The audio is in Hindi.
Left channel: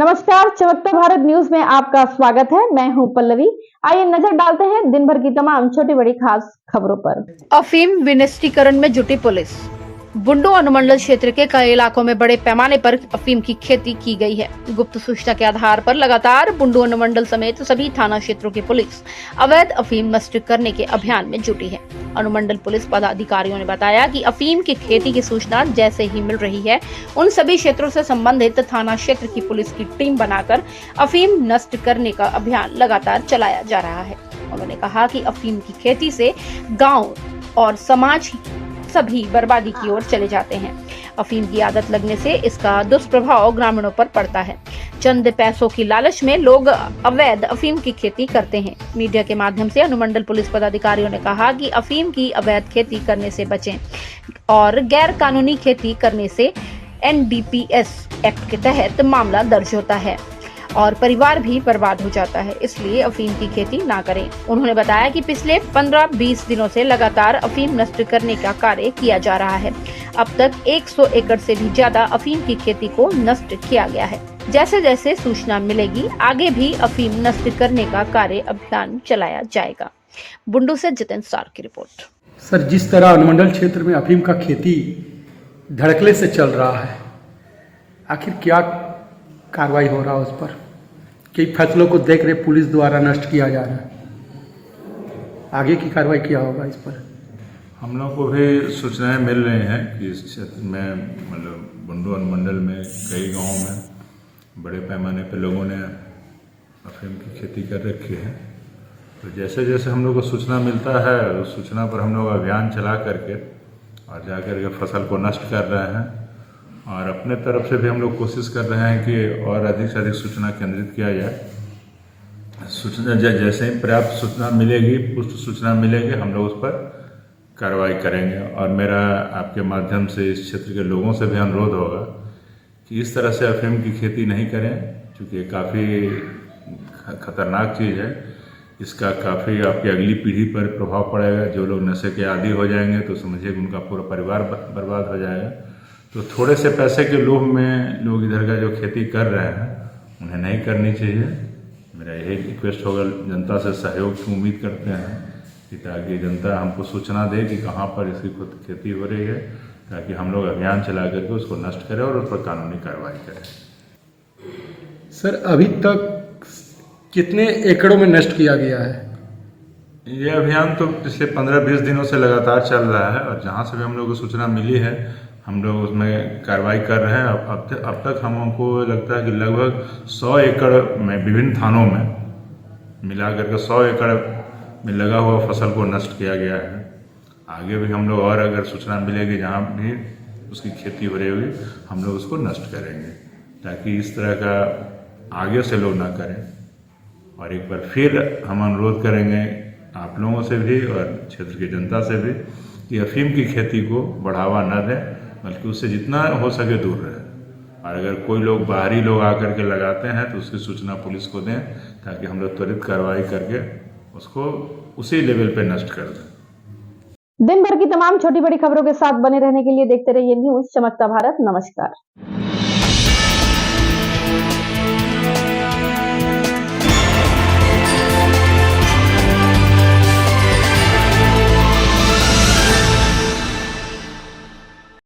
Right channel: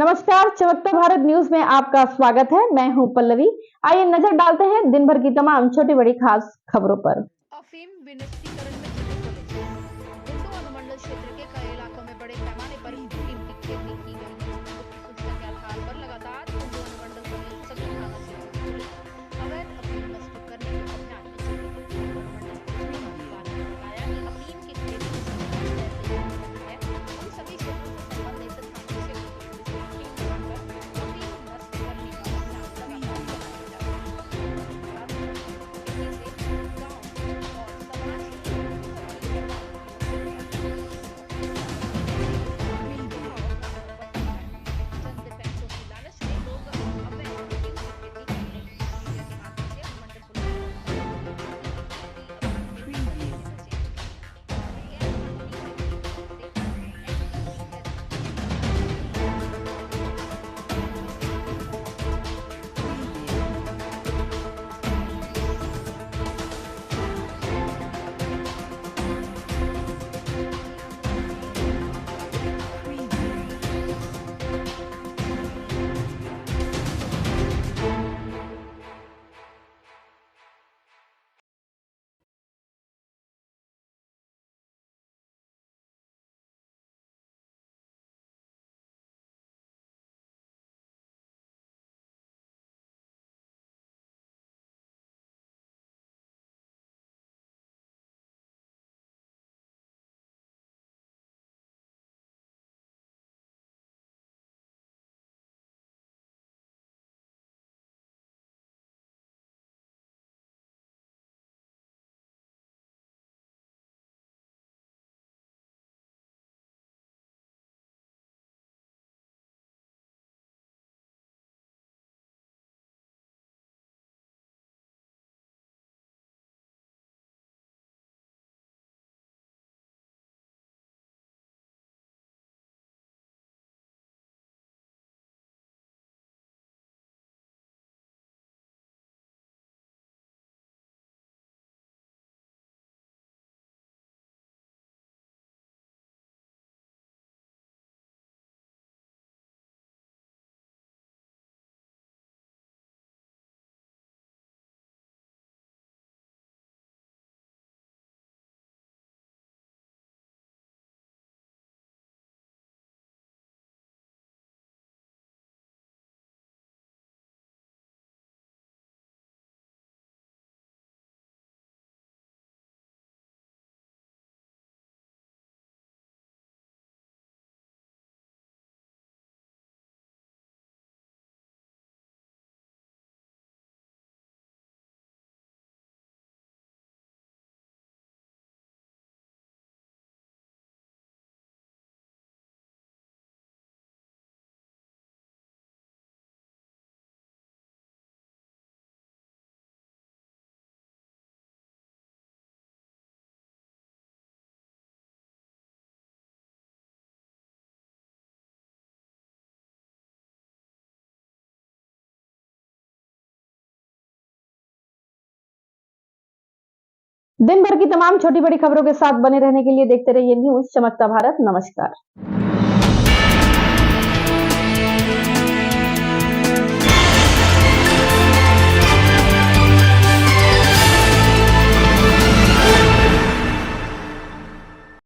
नमस्कार, चमकता भारत न्यूज में आपका स्वागत है। मैं हूं पल्लवी। आइए नजर डालते हैं दिन भर की तमाम छोटी बड़ी खास खबरों पर। अफीम विनिष्टीकरण में जुटी पुलिस। बुंडू अनुमंडल क्षेत्र के कई इलाकों में बड़े पैमाने पर अफीम की खेती की गई है। गुप्त सूचना के आधार पर लगातार बुंडू अनुमंडल समेत सभी थाना क्षेत्रों की पुलिस अवैध अफीम नष्ट करने के अभियान में जुटी है। अनुमंडल पुलिस पदाधिकारियों ने बताया कि अफीम की खेती की सूचना जैसे ही मिल रही है, उन सभी क्षेत्रों से संबंधित थाना क्षेत्र की पुलिस की टीम बनाकर अफीम नष्ट करने का अभियान लगातार चलाया जा रहा है। उन्होंने कहा कि अफीम की खेती से गाँव और समाज सभी बर्बादी की ओर चले जाते हैं। अफीम की आदत लगने से इसका दुष्प्रभाव ग्रामीणों पर पड़ता है। चंद पैसों की लालच में लोग अवैध अफीम की खेती करते हैं। मीडिया के माध्यम से अनुमंडल पुलिस पदाधिकारियों ने कहा कि अफीम की अवैध खेती करने से बचें और गैर कानूनी खेती करने से NDPS एक्ट के तहत मामला दर्ज होता है और परिवार भी बर्बाद हो जाता है, इसलिए अफीम की खेती ना करें। उन्होंने बताया कि पिछले 15-20 दिनों से लगातार अफीम नष्ट करने का कार्य किया जा रहा है। अब तक 100 एकड़ से भी ज्यादा अफीम की खेती को नष्ट किया गया है। जैसे जैसे सूचना मिलेगी, आगे भी अफीम नष्ट करने का कार्य अभियान चलाया जाएगा। बुंडू से जितेंद्र सार की रिपोर्ट। सर, जिस तरह अनुमंडल क्षेत्र में अफीम का खेती धड़कले से चल रहा है, आखिर क्या कार्रवाई हो रहा है उस पर? कई फैसलों को देख रहे पुलिस द्वारा नष्ट किया जा रहा है, आगे की कार्रवाई क्या होगा इस पर? हम लोग को भी सूचनाएं मिल रही हैं कि इस क्षेत्र में मतलब बुंडू अनुमंडल में कई गांवों में बड़े पैमाने पर लोगों ने अफीम की खेती कर रखी है। तो जैसे जैसे हम लोग को सूचना मिलता है, उस सूचना पर हम लोग अभियान चला करके और जा कर के फसल को नष्ट कर रहे हैं। और अपने तरफ से भी हम लोग कोशिश कर रहे हैं कि और अधिक से अधिक सूचना केंद्रित किया जाए। सूचना जैसे ही पर्याप्त सूचना मिलेगी, पुष्ट सूचना मिलेगी, हम लोग उस पर कार्रवाई करेंगे। और मेरा आपके माध्यम से इस क्षेत्र के लोगों से भी अनुरोध होगा कि इस तरह से अफीम की खेती नहीं करें, क्योंकि ये काफ़ी खतरनाक चीज़ है। इसका काफ़ी आपकी अगली पीढ़ी पर प्रभाव पड़ेगा। जो लोग नशे के आदी हो जाएंगे तो समझिए उनका पूरा परिवार बर्बाद हो जाएगा। तो थोड़े से पैसे के लोभ में लोग इधर का जो खेती कर रहे हैं, उन्हें नहीं करनी चाहिए। मेरा यही रिक्वेस्ट होगा, जनता से सहयोग की उम्मीद करते हैं कि ताकि जनता हमको सूचना दे कि कहाँ पर इसकी खेती हो रही है, ताकि हम लोग अभियान चला करके उसको नष्ट करें और उस पर कानूनी कार्रवाई करें। सर, अभी तक कितने एकड़ों में नष्ट किया गया है? ये अभियान तो पिछले 15-20 दिनों से लगातार चल रहा है और जहाँ से भी हम लोग को सूचना मिली है, हम लोग उसमें कार्रवाई कर रहे हैं। अब तक हमको लगता है कि लगभग 100 एकड़ में विभिन्न थानों में मिला करके 100 एकड़ में लगा हुआ फसल को नष्ट किया गया है। आगे भी हम लोग और अगर सूचना मिलेगी जहाँ भी उसकी खेती हो रही होगी, हम लोग उसको नष्ट करेंगे, ताकि इस तरह का आगे से लोग ना करें। और एक बार फिर हम अनुरोध करेंगे आप लोगों से भी और क्षेत्र की जनता से भी कि अफीम की खेती को बढ़ावा न दें, बल्कि उससे जितना हो सके दूर रहे। और अगर कोई लोग बाहरी लोग आकर के लगाते हैं तो उसकी सूचना पुलिस को दें, ताकि हम लोग त्वरित कार्रवाई करके उसको उसी लेवल पे नष्ट कर दें। दिन भर की तमाम छोटी बड़ी खबरों के साथ बने रहने के लिए देखते रहिए न्यूज चमकता भारत। नमस्कार।